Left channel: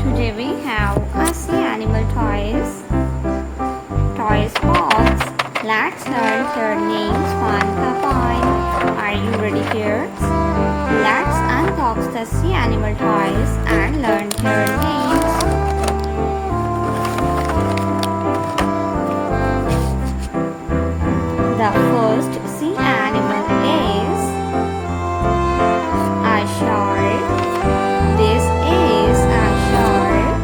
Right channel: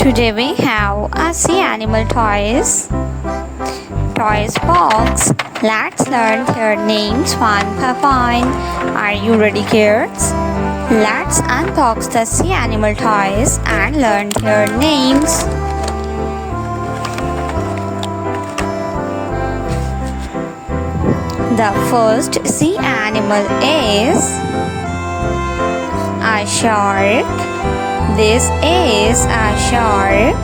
Today we have a sea animal toys. Toys box. Let's learn their names one by one. Are you ready, kids? Let's unbox the sea animal toys and learn their names. The first sea animal is a shark. This is a shark.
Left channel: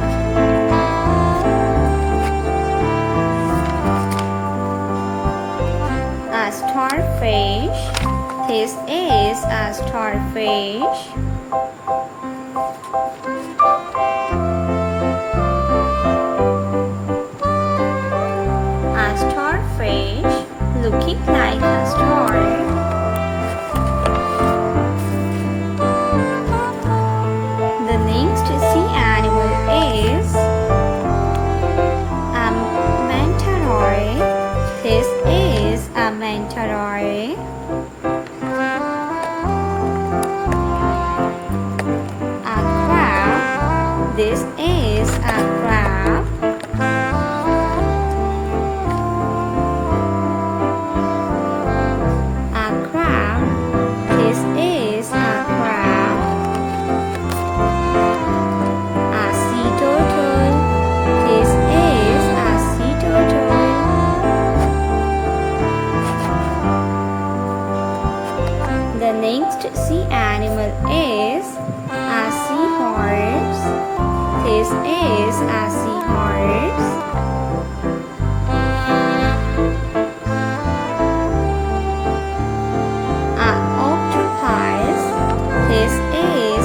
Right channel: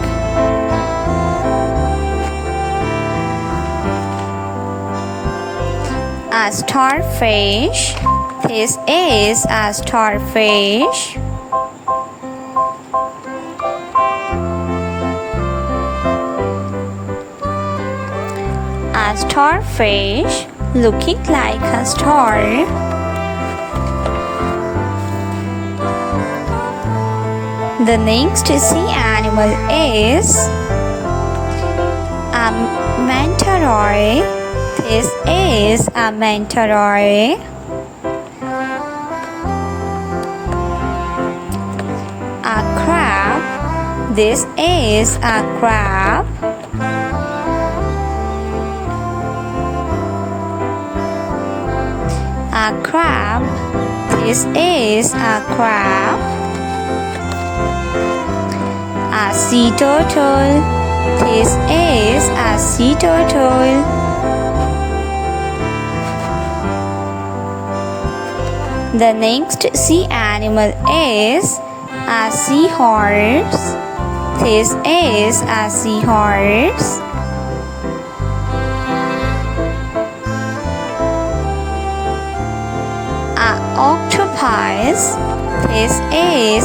A starfish. This is a starfish. A starfish looking like a star. The next sea animal is a manta ray. This is a manta ray. A crab. This is a crab. A crab. This is a crab. A sea turtle. This is a sea turtle. The next sea animal is a seahorse. This is a seahorse. A octopus. This is